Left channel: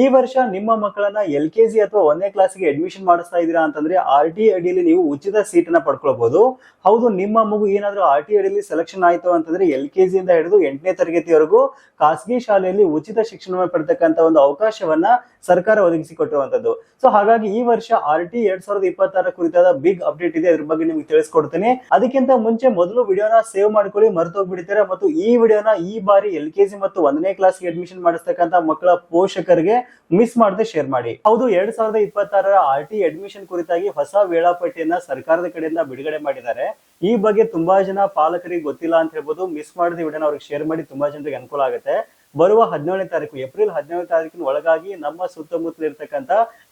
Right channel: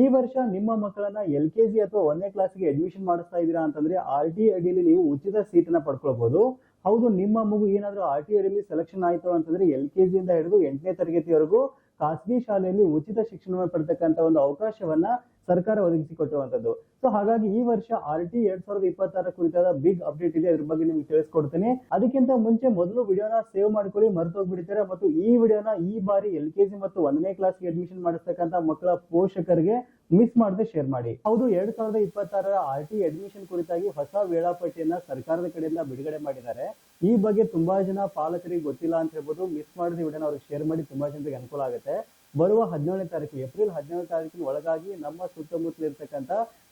ಈ ವರ್ಷ ನಿಮ್ಮ ಮಕ್ಕಳನ್ನ LKG ಅಥವಾ 1ನೇ ಕ್ಲಾಸ್ಗೆ ಅಡ್ಮಿಷನ್ ಮಾಡಿಸ್ತಾ ಇದ್ದೀರಾ ಅಂತಂದ್ರೆ RT ಅಡಿಯಲ್ಲಿ ನೀವು ಉಚಿತ ಸೀಟ್ ಅನ್ನ ಪಡ್ಕೊಳ್ಬಹುದು. ಹೌದು, ನಿಮ್ಮ ಮಗು ಏನಾದ್ರೂ RT ಅಡಿಯಲ್ಲಿ ಸೆಲೆಕ್ಷನ್ ಆಯ್ತು ಅಂತಂದ್ರೆ LKG ಇಂದ ಹಿಡಿದು 8ನೇ ತರಗತಿವರೆಗೂ ಖಾಸಗಿ ಶಾಲೆಯಲ್ಲಿ ಉಚಿತ ಶಿಕ್ಷಣವನ್ನು ಪಡೆತಕ್ಕಂತ ಒಂದು ಅವಕಾಶವನ್ನ ಸರ್ಕಾರ ಒದಗಿಸಿಕೊಟ್ಟಿರುವಂತದ್ದು. ಸೊ ಹಾಗಾಗಿ ಈ ವರ್ಷ RT 2026 ಕುರಿತಾದ ಬಿಗ್ ಅಪ್ಡೇಟ್ ಇದೆ, ಅದ್ರ ಬಗ್ಗೆ ನಿಮ್ಗೆ ತಿಳಿಸ್ಕೊಡ್ತೀನಿ. ಅದಕ್ಕಿಂತ ಮುಂಚೆ ಮೊದಲು ವಿಡಿಯೋನ ಸೇವ್ ಮಾಡ್ಕೊಳ್ಳಿ, ಮರೆತು ಹೋಗ್ಬಿಡ್ತೀರಾ. ಮತ್ತು ಈ ವಿಡಿಯೋನ ಈ ಬಾರಿ LKG ಮತ್ತು 1ನೇ ಕ್ಲಾಸ್ಗೆ ಅಡ್ಮಿಷನ್ ಮಾಡಿಸ್ತಕ್ಕಂತ ಮಕ್ಕಳ ಪೋಷಕರಿಗೆ ಮಿಸ್ ಮಾಡದೆ ಶೇರ್ ಮಾಡಿ. ಹೌದು, 2026 RT ಅಡ್ಮಿಷನ್ ಕುರಿತಾಗಿ ಹೊಸ ವೇಳಾಪಟ್ಟಿಯನ್ನ ಸರ್ಕಾರದ ಕಡೆಯಿಂದ ಬಿಡುಗಡೆ ಮಾಡಿದ್ದಾರೆ. ಈ ಬಗ್ಗೆ ತುಂಬಾ ಜನ ಪಾಲಕರಿಗೆ ಗೊತ್ತಿಲ್ಲ ಅಂತ ಹೇಳ್ಬೋದು. ಮಿಸ್ ಮಾಡದೆ ವಿಡಿಯೋನ ಅವ್ರಿಗೆ ಶೇರ್ ಮಾಡಿ, ತುಂಬಾ ಜನರಿಗೆ ಅನುಕೂಲ ಆಗುತ್ತೆ. ಬರುವ 17ನೇ ತಾರೀಕು, ಏಪ್ರಿಲ್ 17ನೇ ತಾರೀಕಿನ ಒಳಗಾಗಿ ನಮ್ಮ ಸುತ್ತಮುತ್ತಲ ಇರ್ತಕ್ಕಂಥ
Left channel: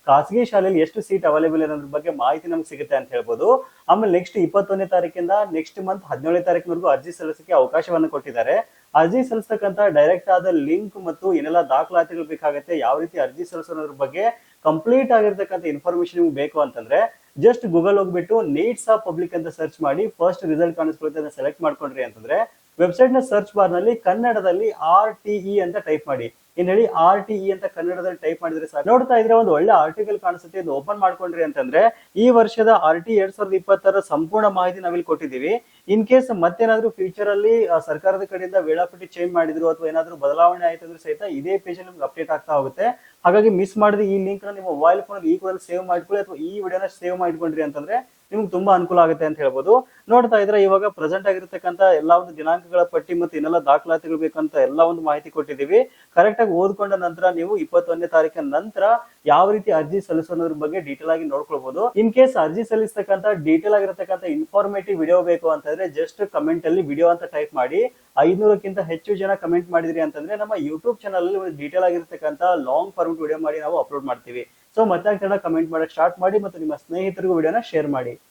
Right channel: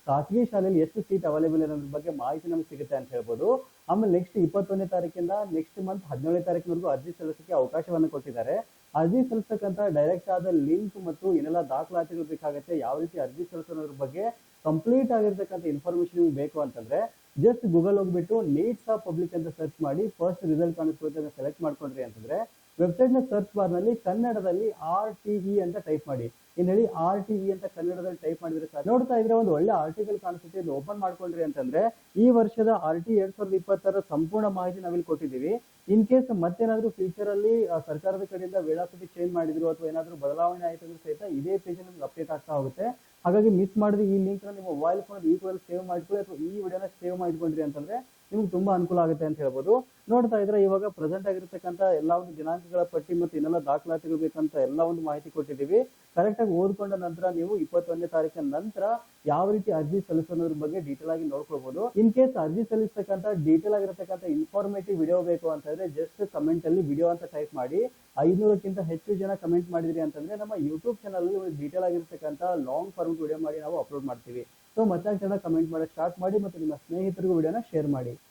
ಖಾಸಗಿ ಶಾಲೆಯಲ್ಲಿ ಎಷ್ಟು ಸೀಟ್ ಅವೈಲೇಬಲ್ ಇರೋದ್ರ ಬಗ್ಗೆ ಮಾಹಿತಿ ನಮ್ಗೆ ಸಿಗುತ್ತೆ ಅಂತ ಹೇಳ್ಬೋದು. ಆಮೇಲೆ ನೆಕ್ಸ್ಟ್ 21ನೇ ತಾರೀಕಿಂದ ನೆಕ್ಸ್ಟ್ ಮಂತ್ 17ನೇ ತಾರೀಕಿನವರೆಗೂ ಅರ್ಜಿ ಸಲ್ಲಿಸಕ್ಕೆ ಅವಕಾಶವನ್ನು ಕೊಟ್ಟಿದ್ದಾರೆ. ಅರ್ಜಿ ಸಲ್ಲಿಸತಕ್ಕಂತ ಡೈರೆಕ್ಟ್ ಆದ ಲಿಂಕ್ ಮತ್ತು ಏನೆಲ್ಲ ದಾಖಲಾತಿಗಳು ಬೇಕಾಗುತ್ತೆ, ಯಾವ ರೀತಿ ಅರ್ಜಿ ಸಲ್ಲಿಸೋದ್ರ ಬಗ್ಗೆ ಕಂಪ್ಲೀಟ್ ಆಗಿರ್ತಕ್ಕಂಥ ಇನ್ಫಾರ್ಮೇಶನ್ ನಿಮ್ಗೆ ಬೇಕು ಅಂತಂದ್ರೆ ಜಸ್ಟ್ ಗೂಗಲ್ ಹೋಗ್ಬಿಟ್ಟು ನೀಡ್ಸ್ ಆಫ್ ಪಬ್ಲಿಕ್ ಅಂತ ಸರ್ಚ್ ಮಾಡಿ ಫಸ್ಟ್ ರಿಸಲ್ಟ್ ಕಾಣಿಸ್ಕೊಳ್ಳುತ್ತೆ, ಅದನ್ನ ಸೆಲೆಕ್ಟ್ ಮಾಡ್ಕೊಂಡ್ರಿ ಅಂತಂದ್ರೆ ವೆಬ್ಸೈಟ್ ನ ಸರ್ಚ್ ಬಾರ್ ನಲ್ಲಿ ಕನ್ನಡದಲ್ಲಿ RTE ಅಂತ ಟೈಪ್ ಮಾಡಿ. ಏನ್ ಹೇಳಿ, RTE ಅಂತ ಕನ್ನಡದಲ್ಲಿ ಟೈಪ್ ಮಾಡಿದ್ರೆ ಸಾಕು. ನೋಡ್ತಾ ಇದ್ರೆ ಒಂದು ಒಳ್ಳೆ ಆರ್ಟಿಕಲ್ ಕಾಣಿಸುತ್ತೆ, ಇದು ಓಪನ್ ಮಾಡ್ಕೊಂಡ್ರಿ ಅಂತಂದ್ರೆ ಈ ವರ್ಷದ RT 2026 ಸಂಪೂರ್ಣ ಮಾಹಿತಿ ನಾವಿಲ್ಲಿ ಕೊಟ್ಟಿದ್ದೀವಿ. ಇನ್ ಕೇಸ್ ಮತ್ತೇನಾದ್ರೂ ಫ್ಯೂಚರ್ ಅಲ್ಲಿ ಸರ್ಕಾರದ ಕಡೆಯಿಂದ ವೇಳಾಪಟ್ಟಿ ಚೇಂಜ್ ಮಾಡಿದ್ರು ಅಥವಾ ಏನಾದ್ರೂ ಬದಲಾವಣೆ ಆಯ್ತು ಅಂದ್ರೆ ಸಹಿತ ಇದೇ ಪೇಜ್ ಅಲ್ಲಿ ನಿಮ್ಗೆ ಅಪ್ಡೇಟ್ ಆಗ್ತಾ ಹೋಗುತ್ತೆ. ಹಾಗಾಗಿ ಮಿಸ್ ಮಾಡಿದ್ರೆ ಈ ಲಿಂಕ್ ನ ನಿಮ್ಮ ಮೊಬೈಲ್ ಫೋನ್ ಈ ಕೂಡ ಸೇವ್ ಮಾಡ್ಕೊಳ್ಳಿ, ಅಥವಾ ಈ ವಿಡಿಯೋನ ಸೇವ್ ಮಾಡ್ಕೊಂಡ್ರಿ ಅಂತಂದ್ರೆ ನಿಮ್ಗೆ ತುಂಬಾ ಅನುಕೂಲ ಆಗುತ್ತೆ ಅಂತ ಹೇಳ್ಬೋದು. ನೋಡ್ತಾ ಇದ್ರೆ ಇವಾಗ ಪ್ರೆಸೆಂಟ್ ಆಗಿರ್ತಕ್ಕಂಥ ಎಲ್ಲಾ ಒಂದು ದಿನಾಂಕಗಳ ಪಟ್ಟಿ ಮತ್ತು ಇನ್ನೆಲ್ಲ ದಾಖಲಾತಿಗಳು ಬೇಕಂತ ಎಲ್ಲಾ ಒಂದು ಮಾಹಿತಿ ಕೊಟ್ಟಿದ್ದೀವಿ. ಕರೆಕ್ಟ್ ಆಗಿ ಓದ್ಕೊಂಡ ನಂತರ ನೀವು 21ನೇ ತಾರೀಕಿನ ನಂತರ ಯಾವ ರೀತಿ ಅರ್ಜಿ ಸಲ್ಲಿಸೋದ್ರ ಬಗ್ಗೆ ಡೀಟೇಲ್ ಆಗಿ ನೋಡ್ಕೊಳ್ಬಹುದು. ಇನ್ ಕೇಸ್ ಅರ್ಜಿ ಸಲ್ಲಿಸತಕ್ಕಂತ ಡೀಟೇಲ್ ಆಗಿರತಕ್ಕಂತ ಇನ್ಫಾರ್ಮೇಟಿವ್ ವಿಡಿಯೋ ಬೇಕು ಅಂತಂದ್ರೆ ಜಸ್ಟ್ ಕಮೆಂಟ್ ಅಲ್ಲಿ ವಿಡಿಯೋ ಅಂತ ಟೈಪ್ ಮಾಡಿ. 500ಕ್ಕಿಂತ ಹೆಚ್ಚು ಜನ ಕಮೆಂಟ್ ಮಾಡಿದ್ರಿ ಅಂತಂದ್ರೆ ನಮ್ಮ ಯೂಟ್ಯೂಬ್ ಚಾನಲ್ ಅಲ್ಲಿ ಒಂದು ಡೀಟೇಲ್ ಆಗಿರತಕ್ಕಂತ ಲಾಂಗ್ ಫಾರ್ಮ್ ವಿಡಿಯೋ ಮಾಡಿ ನಾವು ಅಪ್ಲೋಡ್ ಮಾಡ್ತೀವಿ. ಸೊ ಮತ್ತೆ ಕಮೆಂಟ್ ಮಾಡಕ್ ಸ್ಟಾರ್ಟ್ ಮಾಡಿ ಮತ್ತು ನಿಮ್ಮ ಸ್ನೇಹಿತರಿಗೂ ವಿಡಿಯೋನ ಶೇರ್ ಮಾಡಿ.